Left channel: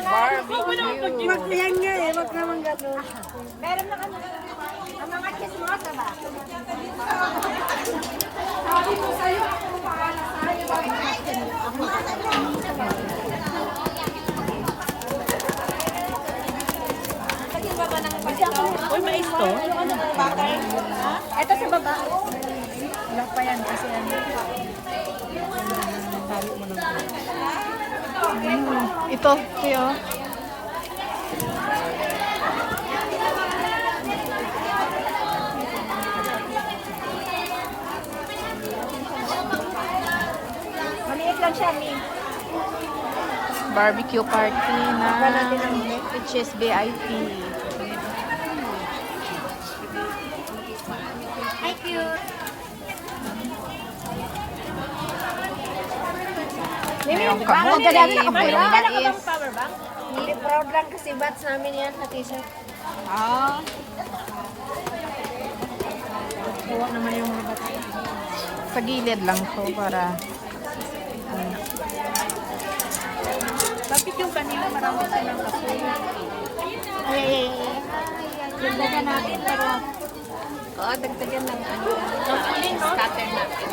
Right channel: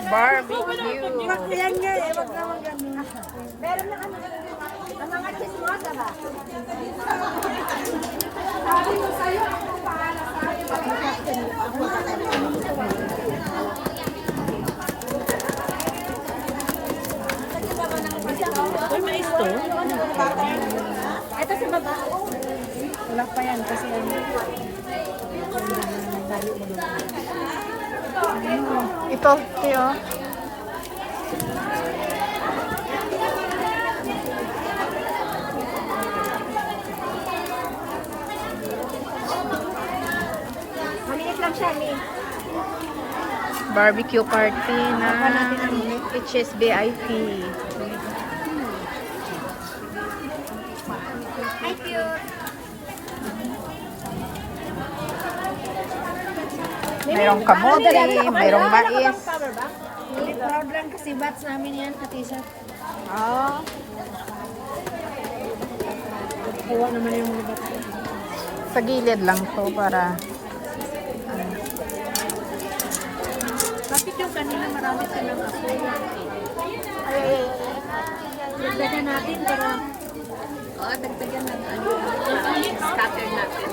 Barbecue. Magpayan nga eh, wag naman gano'n. Meron na kami. Ang mga chismosa ba? Sabi ko sa'yo, ako pahala sa'yo. Ako Ay, mais to. ito sa baba. Walang pa yan kasi Ito, tiyo. Maliit lang siya, Mi. Barbecue party na which is VIP. Hi, cute. Mayroong kamote, mayroong mais. Power bank? Hindi, proud lang kasi bats namin yan sa t-shirt. Ah, Kuha naman yung mga bats. sa gilid lang to para bakit yung kanina marami silang kaso? Ay. Dagdagan natin, pero Dagdagan ng scatter natin.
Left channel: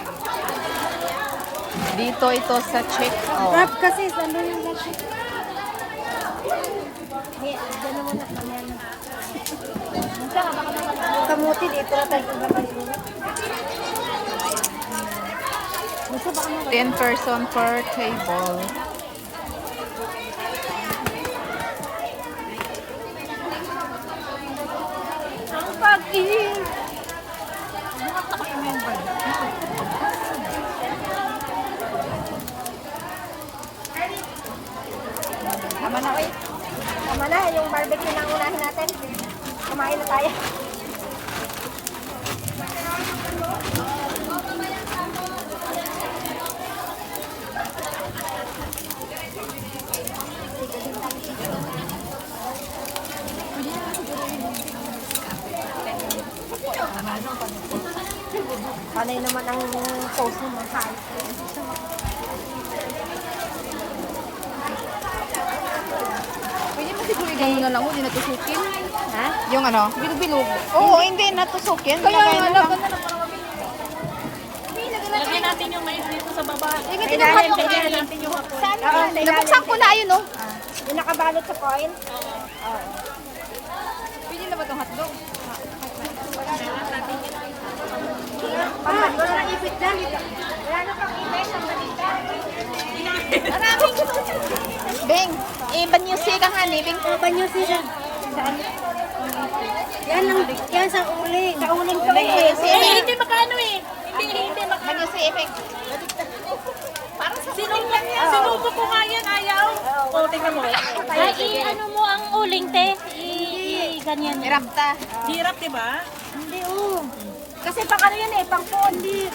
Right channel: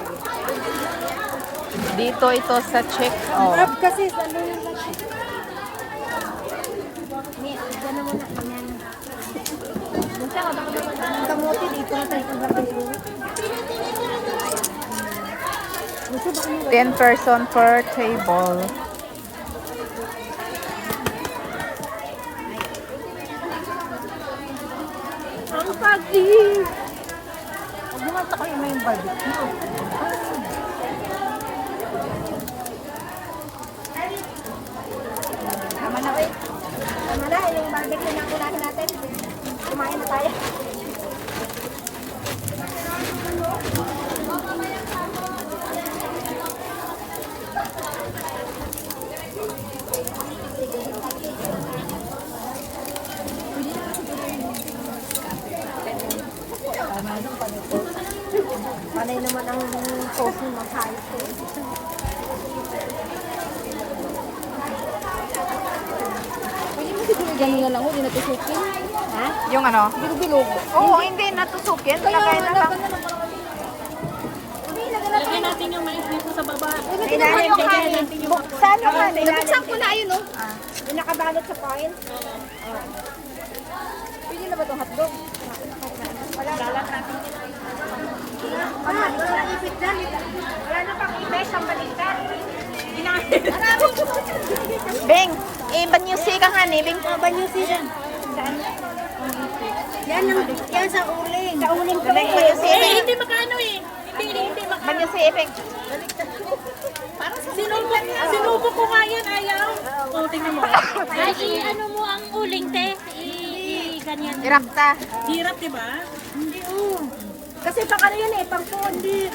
dito ito sa check-out. wrap kasi sa yung wrap. Hey, gano'n mo na kanyan. Minsan ka baka naman ang kamuti dito na tayo kung bakit. Gusto ba kami 10 person per table. ang pag-ibig? Huwag mo nga takoy mo yung barbecue. Tama na, uy. Tama na, yung barbecue na unahin natin. Kumain na tayo. Panay naman ang sauce ng mahal. Pwede mo siguro gano'n na lang, hindi natusukin. Ha? Yung ano? Bilog-bilog. Oo, hindi natusukin. Kaya Lagay na ano, lang. ganda na para mabilis. Lagyan natin yung mais dito sa baba. Eh, kinuha yung kanin. Saan yung kanin? Nabuksan ko na, ayun oh. Yung nakabalot sa coin? Pwede na ba itong hotdog? Wala na. Wala na ipit na. Wala na pang ipit ang balita. Beng, banyusi ka nga ni. Beng, Banyusi yan. Saan? Yan lang. Yan sa uling. Sa uling pala eh. Hindi makano eh. Hindi makano. banyusi, Beng. Sinubo ko nga yan, ayaw. O, tingnan mo. Ay, ano mo ang uling, te? Ganyan. Irapta. Hirap, diba? Hindi, kasi pang ano yan eh, pang kundi.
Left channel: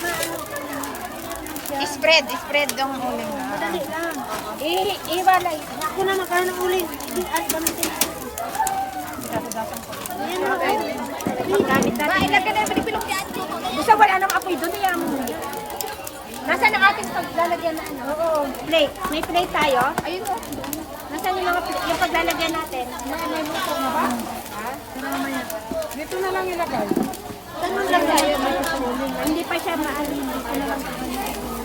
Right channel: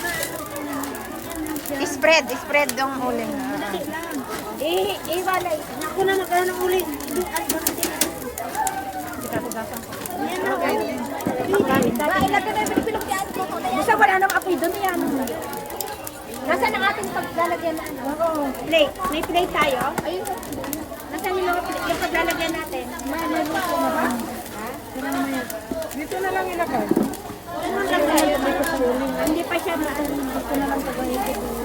Spread yung uling. Iba na. Ako na magkano ng uling. At ba natin? Yan na. Ilagay na yung pinipilong yan. Basta wala nang apoy doon. Nasaan ang ating paglalagyan na ano? Oo. Plate. May plate tayo? Ayun po. Nasaan yung paglalagyan natin? Dito na lang ilagay. Ganun lang tayo. Hindi pa siya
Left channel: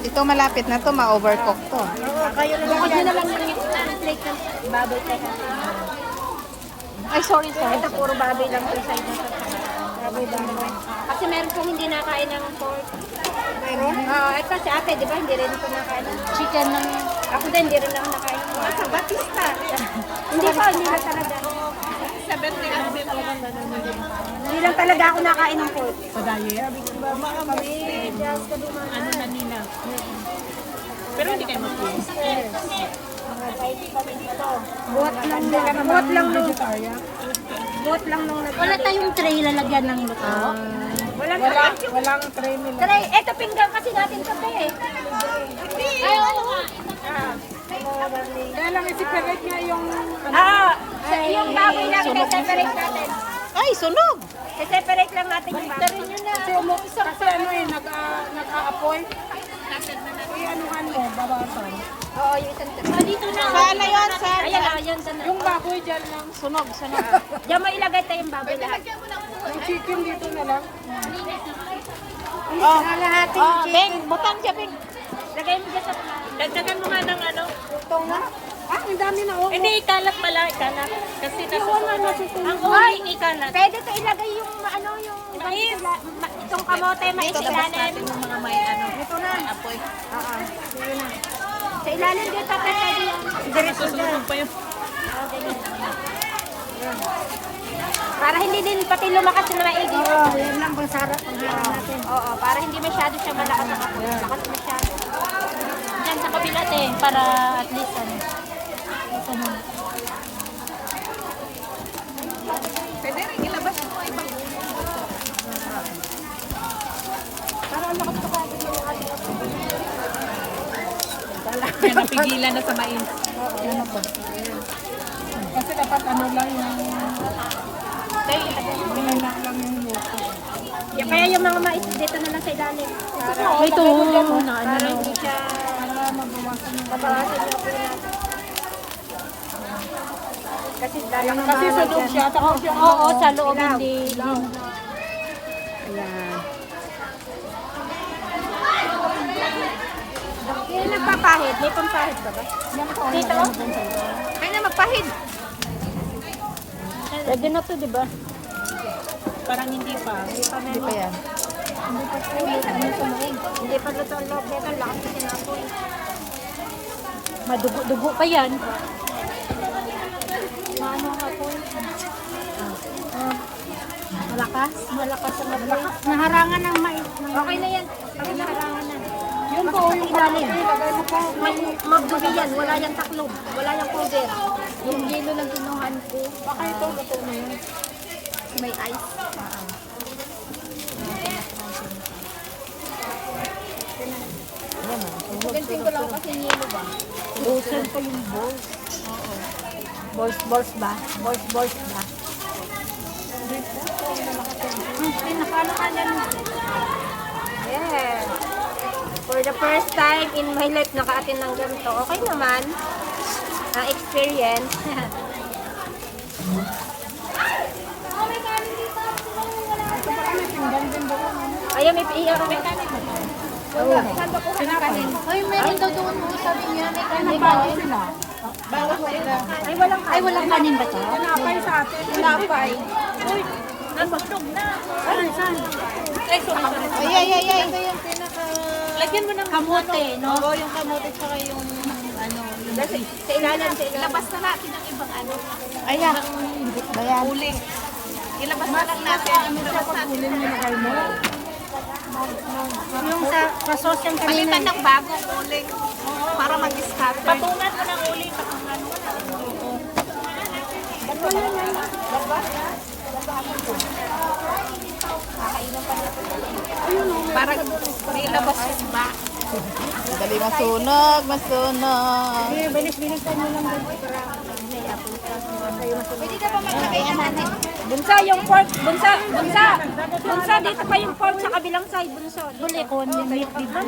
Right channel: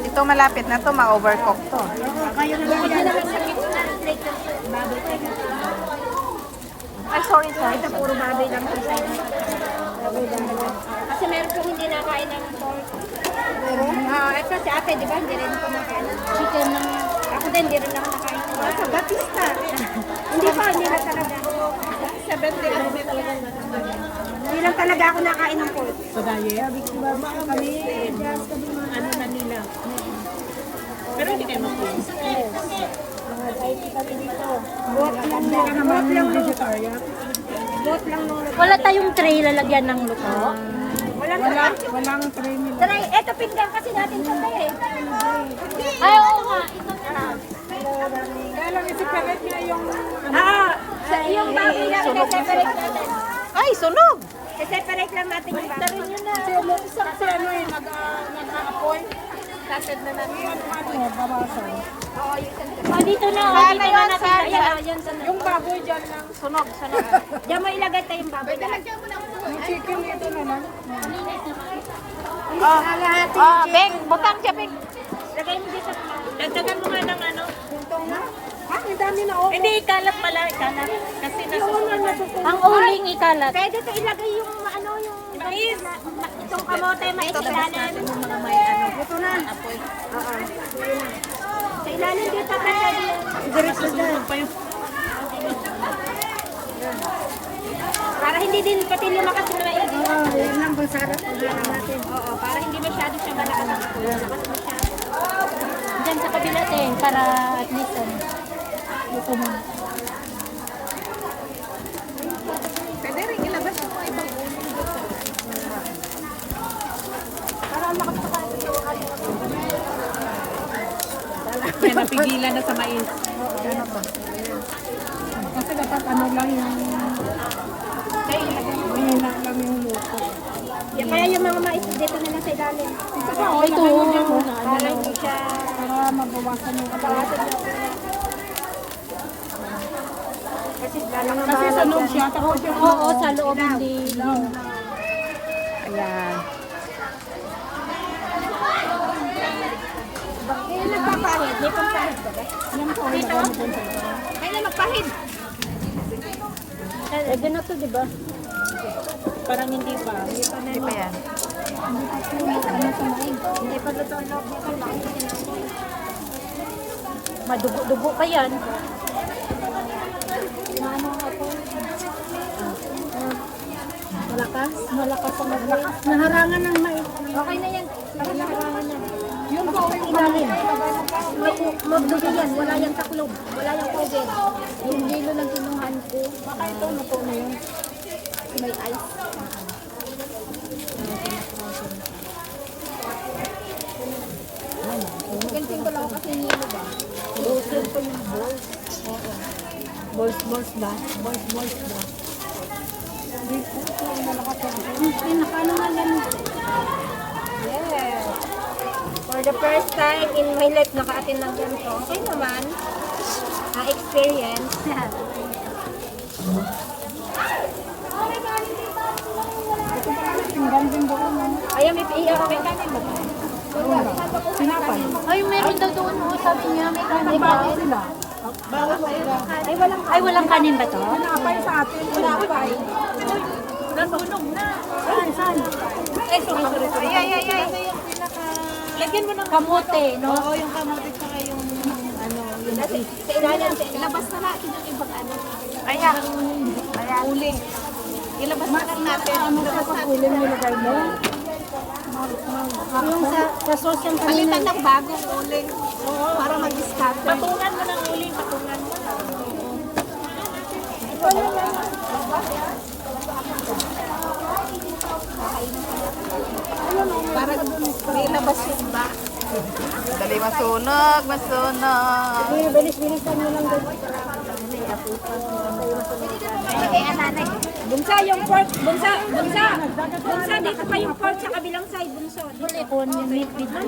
Ito malapit na to, ma-overcook to. kayo na lang yan. Naman sa gitna. Plate yung baboy tayo. Ay, sorry. Ito puro baboy lang ito. Baboy. Kasi meron pong hindi nakain ng pork. Meron? Ito si ate, di ba? Hindi rin po nakain. Chicken lang. Ako din, hindi rin ako nakain. Sa Batista. Hindi pa, hindi na talaga. 70 lang dito. Hindi lang talaga ako nakain ng pork. Sa diet? Kami, just sabi mga Ano na nila? Pero hindi kayo mag-please. buot lang nung buot lang nung Wala tayong tray lalagyan ng luto. walang premium. Try, eto pinggan kasi natin sa eh. Ay, oo nga. Kaya lang i-separate na yung... Yung baboy natin, i-separate natin. Ay, sunog! I-separate lang natin yung baboy. Isang si ano eh, nag-a-apoy. Kased na natin. Oo, yung isang Oh, dito na. Saan na yun? Saan Ayan, na? yun sa dyan lang. Sunog. Diyan mo ilagay tayong baboy lahat. Yung chicken dito na lang. Beng, butang siya, Beng. Lagay mo dyan sa Dagdagan mo nga ng ano. Itong na. Ah, ang dami na oh. Hindi, ikalat pala. Ikalat. Kasi Wala na nasa... susunod. Ang uling ikalat. Pwede ka ilagay yung ano yung mais. Itong kamote, mais sa ilalim. Yung mga may ano. Ito na. Apoy. Sa ilalim dito pwede yung Diretso na. para hindi din pati lumakas yung mga igis. Oo, yan lang bulsarap. Paglala natin. Oo, para hindi masyado siya malakas. Malakas masyado. Diyan sa kabila, te. Para at least ano. Ito mo. Pwede rin ilabas yung mga ibang uling. Yan, napigilan na sa mais. Ano to? Kasi dapat ano lang yung... Mahina lang yung luto. Kaya yung mga mais dito na lang sa ilalim. Ito muna. Para hindi siya Para mabawasan yung mabawasan yung kulay. Kasi dalang Kasi sunog siya. Tapos yung... Oo, sa loob hindi. Ayan. Yung nagpapahid, may pampahid ba ba? Dito? Kaya na magpahid. Pwede na to, di ba? Parang hindi pa. Hindi pa yan. Hindi pa luto ang loob nito. Lakas na sinapoy. Madugo-dugo pa yan. Malakas? Malakas ang laboy. Naharangan ng mais. Okay na yan. Pag naharangan na. Yun po yung Ilalim. Magdubi yan. Wala yung taklob. Wala yung cover. Yung hilo lang kinuhan ko. Baka ito luto na yun. May ice. Ganting ko lang ako kasi hilo ba? Busan pa yung balls. Oo. Balls ba? Balls ba? Pinakano na yan. Yeah. For the first time in my life, naka-attend ng ganito. Okay naman. Experience. Ayun, may iyak. May kanin ba? Ay, meron daw doon. Oh, sabi niya, may kanin ba? Ay, walang kanin ba to? Napay sa atin. Wala pa eh. Nasunog na. Ay. Lagyan mo ng kamote, no? Oo, yung kamote tsaka yung ano, yung Sa ilalim, sa ilalim. ilabas na natin yung ibang ano. Ayan. Ayan. Uling. Ilabas na lang natin. Ilabas natin. Uling nilagay mo. Yung sa sauce yung kanina. Palitan ng bagong uling. Para mag-scatter. Patungan mo ng uling. Patungan mo. Para ilabas yung back. Dali masunog. Bilis-bilisan mo lang doon para may apo. Pwede na ba maglagay natin? Bunsa yung pork. Bunsa. Dito pa yung pork sa kabilang side. Bunso. Bulikon, yung meat, di ba?